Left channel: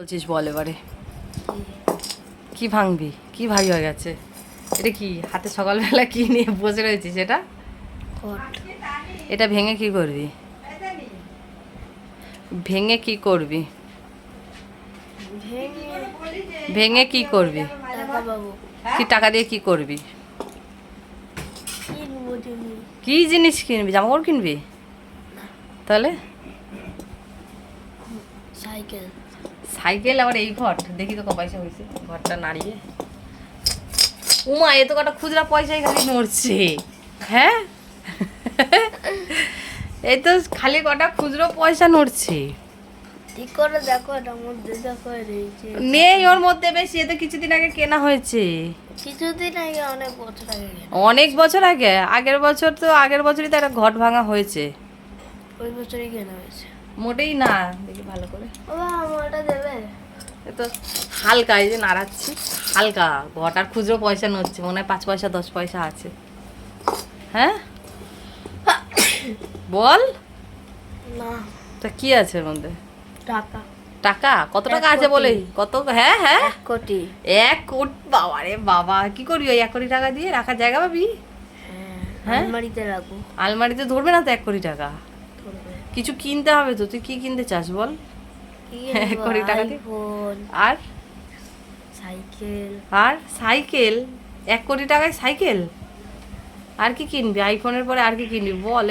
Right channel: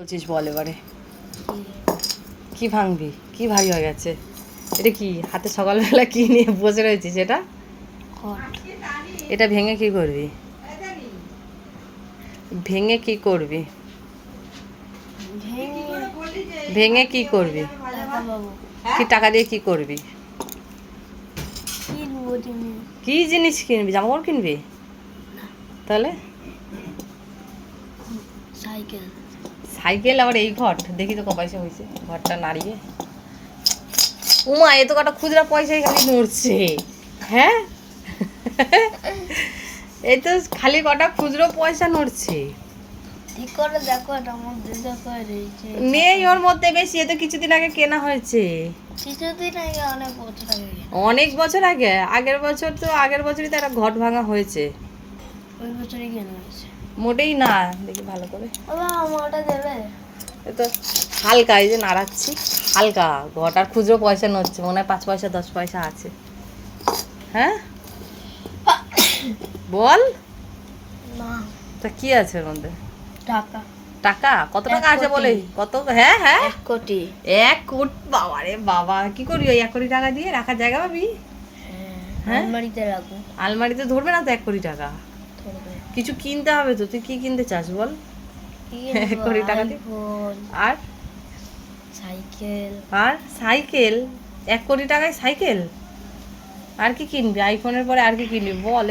বলছিস বল এবারে কি ভাঙবি? কি ভারী হয়ে গেছে এটা? কি হাতে সকালবেলা কি নিয়ে বসে রয়েছিস? এটা এটা ভেঙে কি করবি? ভেঙে কি করবি? ভেঙে কি করবি? কি টাকা দিয়ে কি করবি? কি জিনিস কিনবি? জামা কাপড় কিনবি? তাহলে সাইকেল। সাইকেল আবার এই ঘর দেখি তো ক পয়সা হয়েছে ঘরটা নাড়িয়ে। উমা এ তো কটা খুচরা পয়সায় খালি নড়ছে। হ্যাঁ এই তো খালি কটা খুচরো পয়সা নড়ছে। ঠিক করে দেখো, এটার মধ্যে দেখো রয়েছে। নেই ওর মধ্যে বেশি, এ তো কিছুদিন আগে কেনা হয়েছে। কিছুদিন আগে, অনেক বছর আগে। অনেক বছর আগে? আগের বছর তো আগের বছরই তো একটা ঘট ভাঙা হয়েছে। ওই বছরই কেনা হয়েছে। মোটেই না, দেখি ভালো করে। বাবা আমারটা দেবে? এ তো হালকা, এই যে নাড়াচ্ছি হালকা, ঘটার খুচরো পয়সা নড়ছে, মনে হয় 5 পয়সা 10 পয়সা আছে। হ্যাঁ বল না, তা কি আছে এর মধ্যে? টাকা। টাকা? কত টাকা 1 আছে কোটি। বলেই? কত? হ্যাঁ হ্যাঁ 1 কোটি। 1 কোটি? বাবা রে বাবা, কি করবি ওই 1 কোটি টাকা দিয়ে? রাখার জায়গা পাবি? হ্যাঁ? আলমারিতে রাখবো। আলমারিতে ধরবে না তো 1 কোটি টাকা? ধরবে। কিছু কিনতে হবে তো, তুই কি কিনতে চাস বল? কি 1 কোটি টাকা দিয়ে? আইফোন, আর সাইকেল। আর সাইকেল? 1 কোটি টাকায় সাইকেল? আর কি কিনবি? আইফোনের পরে আর কি কিনবি বল?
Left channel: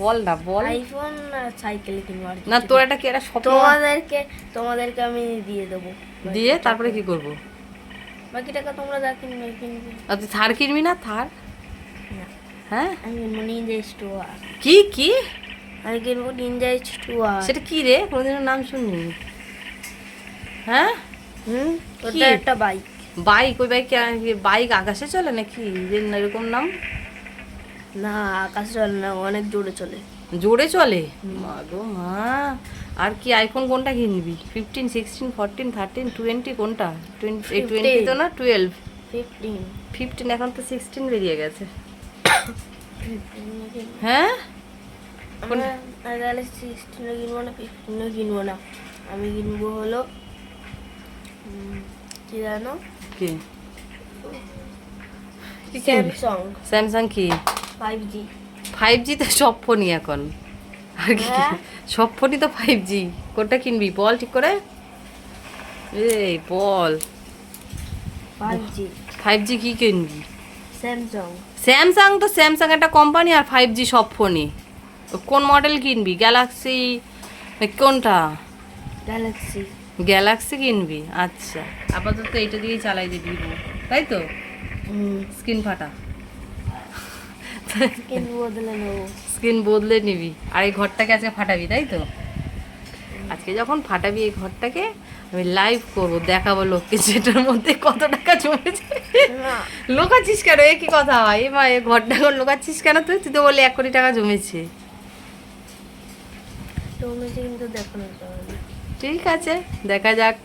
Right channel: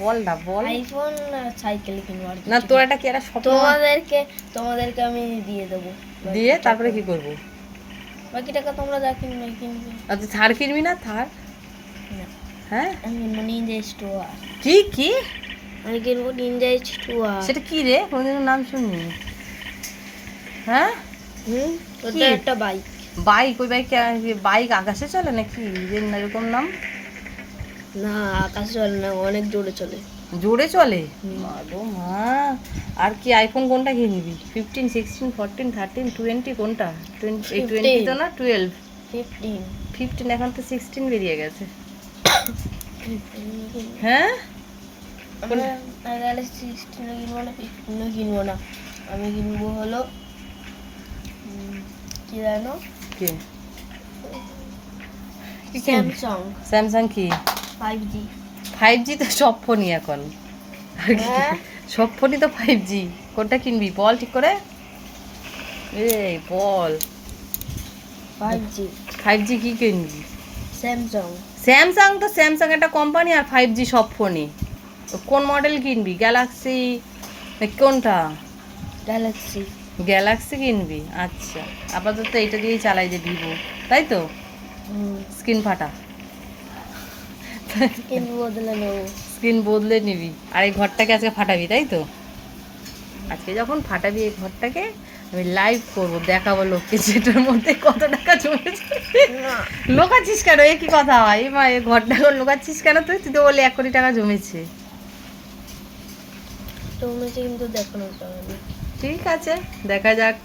বল না বল। আইফোন আর সাইকেল কিনবো। আর না তোর একটা কি একটা স্বপ্ন? তোমাদেরকে আমি দিয়ে দেবো। দিয়ে তারপরে কি করব? বাকি টাকা তোমরা যা কিনবে কিনবে। আর তুই থার কিনবি না? থার? না, হ্যাঁ আমি কিনবো নিনজা স্টোয়ার। কি কি? আমি কিনবো নিনজা স্টোয়ার। সেটা কি রে? কোনোদিনও নাম শুনিনি। হ্যাঁ ওটা একটা বাইক। বাইক? ওই বাইক? বাইক আকাশে চলে নাকি যে এরকম নাম? না, আকাশে চলে না, অনেক জোরে চলে। জোরে চলে? মাগো মা। আর কি আইফোন কোনটা কিনবি? 15, 16, 14, 13, 20 কোনটা? 20 তো না, 12। 15। 15? এখন তো 16 বেরিয়ে গেছে। হ্যাঁ তাহলে 16 কিনবো না, 15 কিনবো না। আমি কিনবো হলো কি জানো, কি? Samsung Samsung? কি 5G। 5G? তো সব ফোনই এখন। আর কি হ্যাঁ। সব ফোনই তো 5G। কোনটা কিনবি বল ঠিক করে? বল। 5G 5G কি কিনবি? স্যামসাং। স্যামসাং? তো স্যামসাং একটা কোম্পানি, আর 5G সব ফোনই। তো কোন মডেল কিনবি? গ্যালাক্সি কোনটা? গ্যালাক্সি। গ্যালাক্সি কিনবি? আচ্ছা, আপাতত এইটা দিয়েই চালাই দে, ভিভো, তাই তো? স্ক্রিন ফাটা, কিনবো, বদলে নেবো। স্ক্রিন বদলে নিবি। আর এই ঘরটাকে আজকে ফাটাবি, তাই তো? আজকে যখন ফাটাবি এই ঘরটাকে, আমি লাইভ করবো, দেখাবো লোককে যেটার মধ্যে কত টাকা জমেছে। না, লোকাচ্ছিস কেন? এ কি কথা হয়? মা, এই ঘরটা লোকাচ্ছিস কেন? তুই তুই তো বলে 1 কোটি টাকা জমেছে। জমেছে কিন্তু দেখানো যাবে না। ঠিক আছে, দেখা যাক।